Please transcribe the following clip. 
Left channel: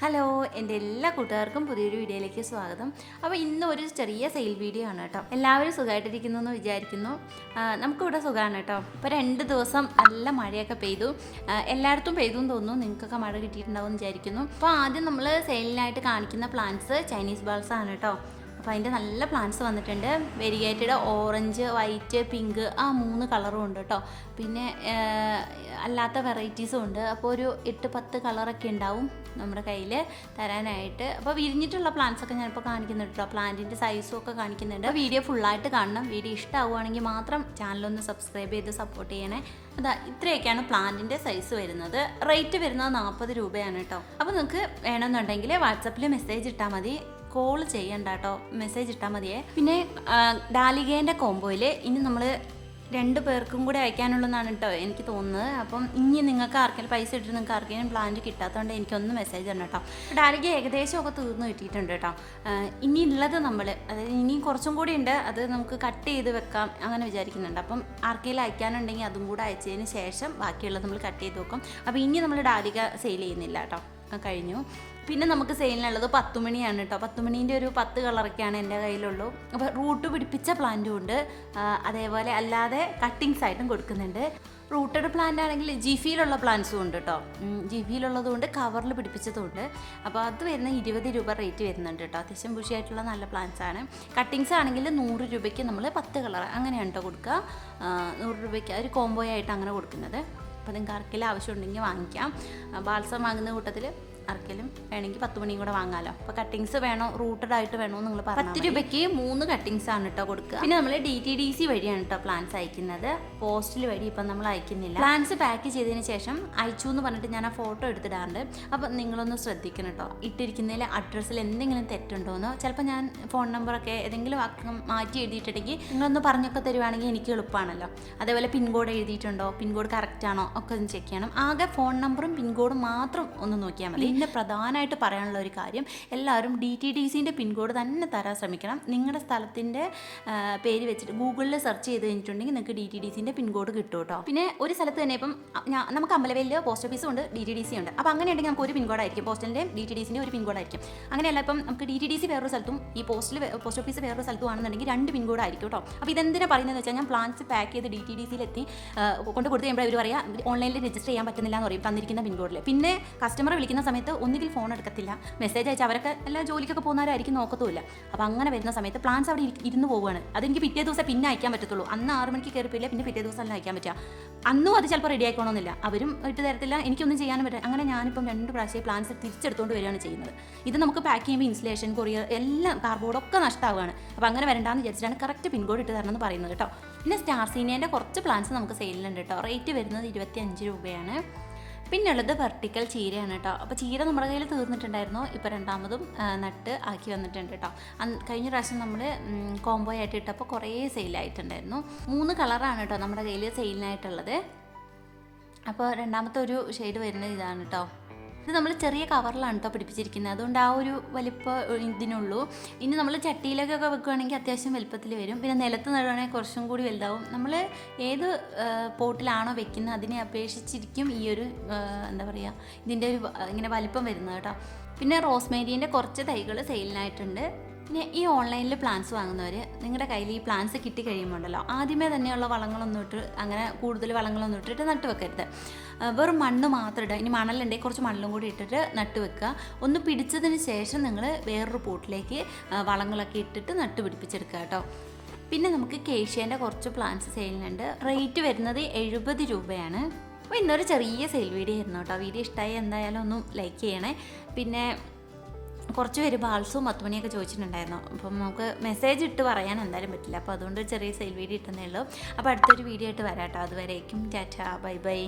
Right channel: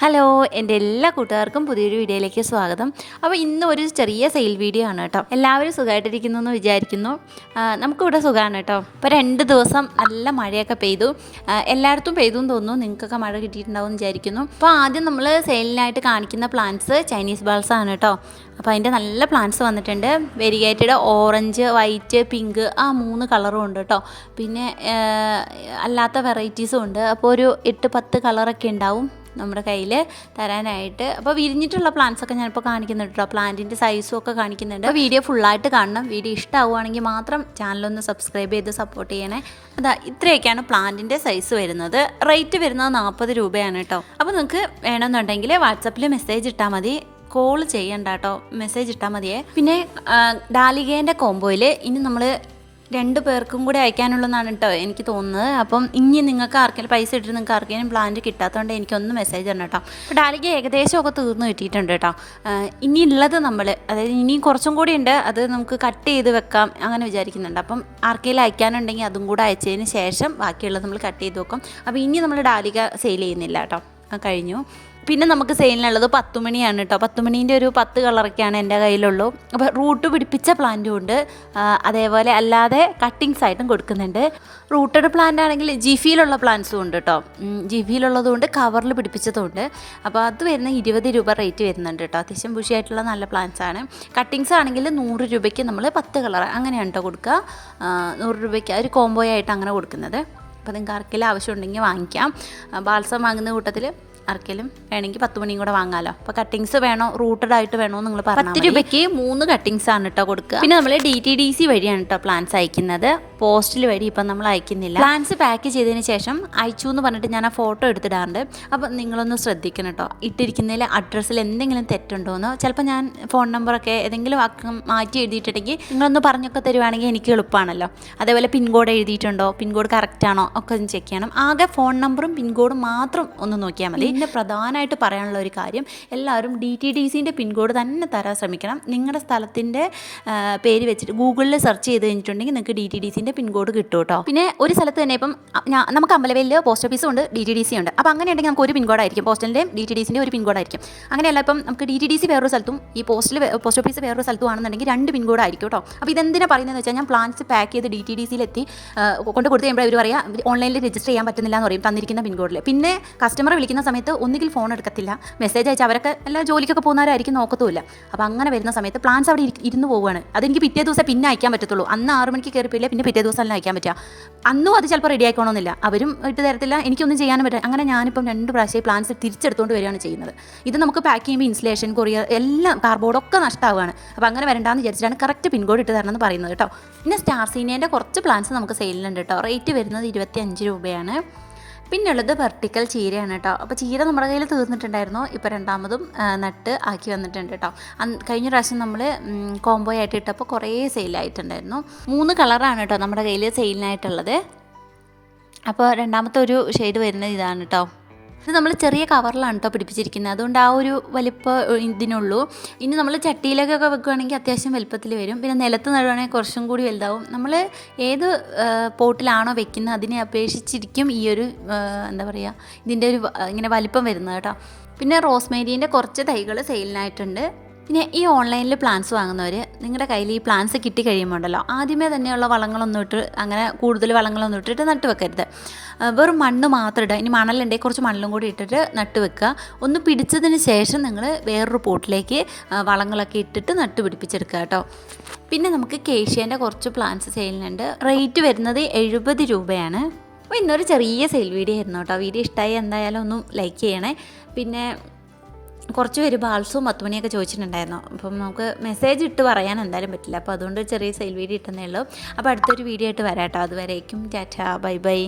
Hello എന്റെ എല്ലാ കൂട്ടുകാർക്കും പുതിയൊരു വീഡിയോയിലേക്ക് സ്വാഗതം. അപ്പോൾ ഇന്ന് ഒരു ചെറിയ സെയിൽ വീഡിയോ ആണ് കേട്ടോ. എല്ലാവരും സുഖമായിട്ടിരിക്കുന്നു എന്ന് വിചാരിക്കുന്നു. നമുക്കിവിടെ സുഖമാണ് കേട്ടോ. ഇപ്പോൾ രണ്ട് ദിവസം നല്ല മഴയൊക്കെ പെയ്തു. എല്ലായിടത്തും പെയ്തു എന്ന് തോന്നുന്നു. നിങ്ങൾക്കൊക്കെ മഴ കിട്ടിയിട്ടുണ്ടാവും വിചാരിക്കുന്നു. അപ്പോൾ ആദ്യം നമ്മൾ സെയിലിനായിട്ട് കാണിക്കുന്ന പ്ലാന്റ്സ് ചൈനീസ് ബാൾസ് ആണ് കേട്ടോ. അപ്പോൾ അതിന്റെ നല്ല പ്ലാന്റ്സ് വന്നിട്ടുണ്ട്. വെരിഗേറ്റഡ് ഓറഞ്ച് വൈറ്റ് പിങ്ക് ആ മൂന്ന് കളറും ഉണ്ട് കേട്ടോ. പിന്നെ അല്ലാത്ത വെറൈറ്റീസും ഉണ്ട്. അപ്പോൾ ഒരു എട്ട് പത്ത് കളറൊക്കെ ഉണ്ടാവും. നമ്മുടെ കയ്യിൽ തരാനായിട്ട്. അപ്പോൾ വിരിഞ്ഞിട്ടുള്ള പ്ലാന്റ്സ് ഒക്കെ ഞാനിപ്പോൾ കാണിക്കുന്നുണ്ട് കേട്ടോ പ്ലാന്റിന്റെ സൈസും ഒക്കെ കാണിക്കുന്നുണ്ട്. വീഡിയോ ഫുള്ളായിട്ട് കാണണം. വീഡിയോ ഇഷ്ടമാവുകയാണെങ്കിൽ മാത്രം ചാനലൊന്ന് സബ്സ്ക്രൈബ് ചെയ്ത് സപ്പോർട്ട് ചെയ്യണേ. അതാ ഇത്രയൊക്കെയാണ് പ്ലാന്റിന്റെ സൈസ് വരുന്നത്. റേറ്റ് വരുന്നത് നാൽപ്പത് രൂപയാണ് കേട്ടോ അപ്പോൾ നിങ്ങൾക്ക് വേണമെന്നുണ്ടെങ്കിൽ വാട്സപ്പിൽ മെസ്സേജ് ഇട്ടാൽ മതി. കോൾ ചെയ്യണ്ട കേട്ടോ മെസ്സേജ് ഇട്ടാൽ മതിയേ. പിന്നെ ഡാലികേന്റെ കോംബോയിൽ ഇനി നമ്മൾ രണ്ട് പേർക്കും കൂടി അയക്കാനുള്ളതാണ് കേട്ടോ എനിക്ക് തോന്നുന്നത്. അപ്പം ഇനി നിങ്ങൾക്ക് ആർക്കെങ്കിലും പൈസ ഇട്ടിട്ട് നിങ്ങൾക്ക് ആർക്കെങ്കിലും പ്ലാന്റ് കിട്ടാത്തതുകൊണ്ട് എനിക്കൊന്ന് മെസ്സേജ് തരണം കേട്ടോ അപ്പോൾ ഡാലിക്ക് ഏകദേശം ഒക്കെ തീർന്നു കിട്ടിയിട്ടുണ്ട് കേട്ടോ ഇനി ഉള്ളത് നമ്മൾ അതായത് ഇനി കുറച്ചും കൂടി ഉണ്ട്. അത് നമുക്ക് കട്ട് ചെയ്ത് വെക്കാം അങ്ങനെ വിചാരിക്കുന്നുണ്ട്. അപ്പം ആർക്കെങ്കിലും അയക്കാനുണ്ടെങ്കിൽ അതും കൂടെ അയച്ചതിന് ശേഷം ബാക്കിയുള്ളത് നമ്മൾ കട്ട് ചെയ്ത് വെക്കും. അപ്പം ഇനി നമ്മൾ ഡാലിക സെയിൽ ചെയ്യുന്നില്ല കേട്ടോ കഴിഞ്ഞു. പിന്നെ നമുക്ക് സെയിലിനുള്ളത് പത്തുമണിയാണ് കേട്ടോ. പത്തുമണീന്റെ ഒരു പത്ത് കളറൊക്കെയാണ് എന്റെ കയ്യിലുള്ളൂ. അപ്പോൾ റൂട്ട് പിടിപ്പിച്ച പ്ലാന്റും ഉണ്ട്. അതേപോലെ അല്ലാതെ കട്ടിങ്സ് ആയിട്ടും കൊടുക്കുന്നുണ്ട്. റൂട്ടഡ് പ്ലാന്റ് ആണെങ്കിൽ ജിഫിയിലുള്ള പ്ലാന്റ്സും ഉണ്ട് കേട്ടോ. ജിഫിയിലുള്ളതും ഉണ്ട് കവറിൽ പിടിപ്പിച്ചതും ഉണ്ട്. അപ്പോൾ അത് വരുന്ന ഇരുപത് രൂപ റേറ്റ് വരുന്നുണ്ട് കേട്ടോ. അത്യാവശ്യം ബുഷിയായിട്ടുള്ള നല്ല പ്ലാന്റ്സ് ആണ്. കട്ടിങ്സ് ആണെങ്കിൽ നൂറ് രൂപയ്ക്ക് നമ്മൾ പത്ത് കളർ അങ്ങനെയാണ് കേട്ടോ കൊടുക്കുക നൂറ് രൂപയ്ക്ക് ഒരു കോംബോ ആയിട്ട് അങ്ങനെ കൊടുക്കുന്നത്. അപ്പോൾ നിങ്ങൾക്ക് ആർക്കെങ്കിലും ആവശ്യമുണ്ടെങ്കിൽ വാങ്ങിക്കാം. ബാൽസം വാങ്ങുന്ന കൂട്ടത്തിൽ ആർക്കെങ്കിലും വേണമെങ്കിൽ പത്ത് മണിയും കൂടെ വാങ്ങാലോ. അപ്പോൾ കട്ടിങ്സ് വേണോ? റൂട്ടഡ് ആയിട്ട് വേണോ നിങ്ങൾ പറഞ്ഞു പത്ത് രൂപയ്ക്ക് മൂന്ന് കട്ടിങ്സ് ആണ് കേട്ടോ കൊടുക്കുക. പിന്നെ നമ്മൾ ഡി ടി ഡി സി വഴിയാണ് കേട്ടോ പ്ലാൻസ് അയക്കുന്നത്. പോസ്റ്റിൽ വഴി ഇപ്പം നമ്മൾ അയക്കുന്നില്ല. പ്ലാൻസ് പാക്ക് ചെയ്തതിന് ശേഷം അയച്ചു എന്ന് പറഞ്ഞിട്ട് ഞാൻ ആ ഫോട്ടോ എടുത്തിടാറുണ്ട്. അപ്പോൾ നിങ്ങളൊന്ന് ശ്രദ്ധിക്കണം കേട്ടോ ഇട്ടിരിക്കുന്നതിൽ അഡ്രസ്സിൽ എന്തെങ്കിലും തെറ്റുണ്ടോ എന്ന്. ചിലപ്പോൾ ഞാൻ ഫോൺ നമ്പറൊക്കെ ഏതെങ്കിലും അക്കം മാറ്റി എഴുതിയിട്ടുണ്ടെങ്കിൽ നിങ്ങളൊന്ന് പറഞ്ഞൊക്കെ തരുവാണെങ്കിൽ എനിക്ക് എളുപ്പമാണല്ലോ. അതേപോലെ പിൻകോഡ് എഴുതിയിട്ടുണ്ടോ? പിൻകോഡ് കറക്റ്റ് ആണോ? ഒക്കെ ഒന്ന് ചെക്ക് ചെയ്യണം. ആകെ ഫോൺ നമ്പറും പിൻകോഡും മാത്രം ഒന്ന് നോക്കിയാൽ മതി. പിന്നെ പ്രധാനമായിട്ട് പറയാനുള്ള ഒരു കാര്യം എല്ലാവരും ഡി ടി ഡി സിന്റെ പിൻകോഡ് തന്നെ തരാൻ ശ്രമിക്കണം. നിങ്ങളുടെ സ്ഥലത്തിന്റെ പേര് വെച്ചിട്ട് ഗൂഗിളിൽ സെർച്ച് ചെയ്ത് കഴിഞ്ഞിട്ടുണ്ടെങ്കിൽ നിങ്ങൾക്ക് ഡി ടി ഡി സിന്റെ പിൻകോഡ് കിട്ടും കേട്ടോ. പിന്നെ ഒരു സ്ഥലത്ത് തന്നെ ഇപ്പം നമുക്ക് അമ്പലവേലിൽ പോസ്റ്റ് ഓഫീസും ഉണ്ട് ഡി ടി ഡി സി ഉണ്ട്. അപ്പോൾ അങ്ങനെ ഉണ്ടെങ്കിൽ നമുക്ക് ഒരു പിൻകോഡായിരിക്കും പോസ്റ്റലിന്റെയും ഡി ടി ഡി സിന്റെ ഒരു പിൻകോഡായിരിക്കും അങ്ങനെയല്ല ഇപ്പം നമുക്ക് ഡി ടി ഡി സി വേറൊരു സ്ഥലത്തും ഈ പോസ്റ്റിൽ പോസ്റ്റ് ഓഫീസ് വേറൊരു സ്ഥലത്തും ആണെന്നുണ്ടെങ്കിൽ രണ്ട് പിൻകോഡായിരിക്കും കേട്ടോ. അപ്പോൾ ഇതെന്തിനാണ് പറയുന്നതെന്ന് വെച്ചാൽ ഞാൻ പ്ലാൻസ് പാക്ക് ചെയ്ത് ഡി ടി ഡി സിയിലെത്തി കൊണ്ട് കൊടുത്ത് കഴിയുമ്പോൾ അവർ പറയാം ഓൺലൈനിൽ രജിസ്റ്റർ ചെയ്യാൻ പറ്റുന്നില്ല എന്ന് പറയും തന്നിരിക്കുന്ന പിൻകോഡിൽ പിന്നെ കസ്റ്റമർ വിളിക്കുന്ന സമയത്ത് ഒന്നുകിൽ ഫോൺ എടുക്കത്തില്ല. മെസ്സേജ് അയച്ചാൽ അവരൊക്കെ എല്ലാ ജോലിക്കൊക്കെ പോകുന്നവരായിരിക്കും നോക്കത്തുമില്ല. അപ്പോൾ അങ്ങനെ വരുന്ന സമയത്ത് പ്ലാൻസ് അവിടെ ഇരി- ഇരുന്ന് പോവുകയാണ് അതെനിക്ക് പിറ്റേ ദിവസം പിന്നെ അയക്കാൻ പറ്റത്തുള്ളൂ. അന്ന് ആറ് മണിക്ക് കയറിപ്പില്ല പിന്നെ പിറ്റേ ദിവസം അല്ല അയക്കാൻ പറ്റുക. അന്നും അത് ചിലപ്പോൾ റെഡി ആയിക്കോണമെന്നില്ല അവരും ഇട്ട് തരത്തില്ല എനിക്കൊന്നും ചെയ്യാനും പറ്റില്ല. അങ്ങനെ ഞാനിപ്പം രണ്ട് പ്രാവശ്യം പ്ലാൻസ് തിരിച്ചെടുത്തുകൊണ്ട് വരികയാണ് ചെയ്യുന്നത്. ഇത് നമുക്ക് പാക്ക് ചെയ്യുമ്പോൾ ഇൻസുലേഷൻ കൊറിയർ എല്ലാം കാർബോർഡൊക്കെ നഷ്ടമാവുകയാണ് അപ്പോൾ അങ്ങനെ വരണ്ടാന്ന് വിചാരിച്ചിട്ടാണ് കറക്റ്റ് പിൻകോഡ് ഇട്ട് തരണം എന്ന് പറയുന്നത് കേട്ടോ. പിന്നെ സ്റ്റാർ സീനിയന്റെ കുറച്ച് പ്ലാൻസ് നമുക്ക് സെയിലിലുണ്ട് കേട്ടോ. റേറ്റ് വരുന്നത് ഇരുപത്തി അഞ്ച് രൂപയാണ്. പിന്നെ ഉള്ളത് വെർട്ടിക്കൽ ചീരയാണ് കേട്ടോ. അപ്പോൾ ചീര നമ്മുടെ കയ്യിൽ തീർന്നിട്ടുണ്ടായിരുന്നു. ഇപ്പോൾ രണ്ടാമതും നട്ട് ആക്കി വന്നിട്ടുണ്ട് കേട്ടോ. കഴിഞ്ഞ പ്രാവശ്യം നമ്മൾ കോംബോ ആയിട്ട് ഇട്ടപ്പോൾ കുറേ സെയിലായിട്ടുണ്ടായിരുന്നു മൂന്ന് കളറാണ് കേട്ടോ നമ്മുടെ കയ്യിൽ സെയിലിനായിട്ടുള്ളത് അപ്പോൾ രണ്ടാമത്തെ ഒരു ഷെയ്ഡ് വരുന്നത് ഇതാണ് കേട്ടോ. ഇത് നമ്മൾ ചെറിയ കവറിലാണ് കേട്ടോ പിടിപ്പിച്ചിരിക്കുന്നത്. അതുകൊണ്ട് ആ ഒരു വലിപ്പ ഇതിനുള്ളൂ. ഇനി നമ്മൾ ചട്ടിയിലേക്കൊക്കെ വെക്കുകയാണെങ്കിൽ അത്യാവശ്യം വലുപ്പത്തിൽ വരും. പിന്നെ നിലത്ത് നടുവാണെങ്കിൽ കുറച്ചും കൂടി വലുതാവും. നമ്മൾ ഏത് പോട്ടിലാണോ വെക്കുന്നത് അതിനെ അപേക്ഷിച്ചിരിക്കും ഈ ഒരു എന്താ പറയുക ഇതിന്റെ ഒരു ഇങ്ങനെ വലിപ്പം വരുന്നത് കേട്ടോ. പിന്നെ റോസ്മേരീന്റെ കുറച്ച് തൈകൾ സെയിലിനായിട്ടുണ്ട്. പിന്നെ ഈ ഓൺലൈനിൽ പ്ലാൻസ് വാങ്ങുന്നവർ നിങ്ങളുടെ കയ്യിൽ ഈ പ്ലാൻസ് കിട്ടി കഴിയുമ്പോൾ ഉണ്ടല്ലോ ആദ്യമേ തന്നെയുള്ള വളങ്ങളൊന്നും ഇട്ട് അങ്ങനെ കൂടുതൽ വളങ്ങളൊന്നും ഇട്ടിട്ട് നട്ട് വെക്കരുത്. വെറും മണ്ണ് മാത്രം ഇടുക. ഇനി മണലുണ്ടെങ്കിൽ കുറച്ച് മണലും കൂടി ഇട്ടിട്ട് നട്ട് വെക്കുക. ഒന്ന് പിടിച്ചതിന് ശേഷം നിങ്ങൾ വേറൊരു പോട്ടിലേക്ക് വളങ്ങളൊക്കെ ഇട്ടിട്ട് നട്ട് പിടിപ്പിച്ചെടുക്കുക കേട്ടോ. പിന്നെ നമുക്ക് കേഷ്യേന്റെ കുറച്ച് പ്ലാന്റ്സ് സെയിലിനുണ്ട് റേറ്റ് വരുന്നത് എഴുപത് രൂപയാണ്. അപ്പോൾ ഇന്നൊരു ചെറിയ സെയിൽ വീഡിയോ ആയിരുന്നു കേട്ടോ. വീഡിയോ ഇഷ്ടമായി എന്തായാലും ഒന്നും ലൈക്ക് ചെയ്യണേ. പിന്നെ കുറച്ച് പേര് ബാൾസും മത്തുമണിയൊക്കെ ചോദിച്ചിട്ടുണ്ടായിരുന്നു. അപ്പം നമുക്ക് മെസ്സേജ് ഇട്ട് പറയാൻ എന്തായാലും പറ്റില്ല. അപ്പോൾ അതുകൊണ്ട് ചെറിയ സെയിൽ വീഡിയോ ഇട്ടുന്നേ ഉള്ളൂ. അപ്പോൾ അടുത്തൊരു വീഡിയോ ആയിട്ട് വരാം കേട്ടോ അതുവരേക്കും ടാറ്റ. Bye bye.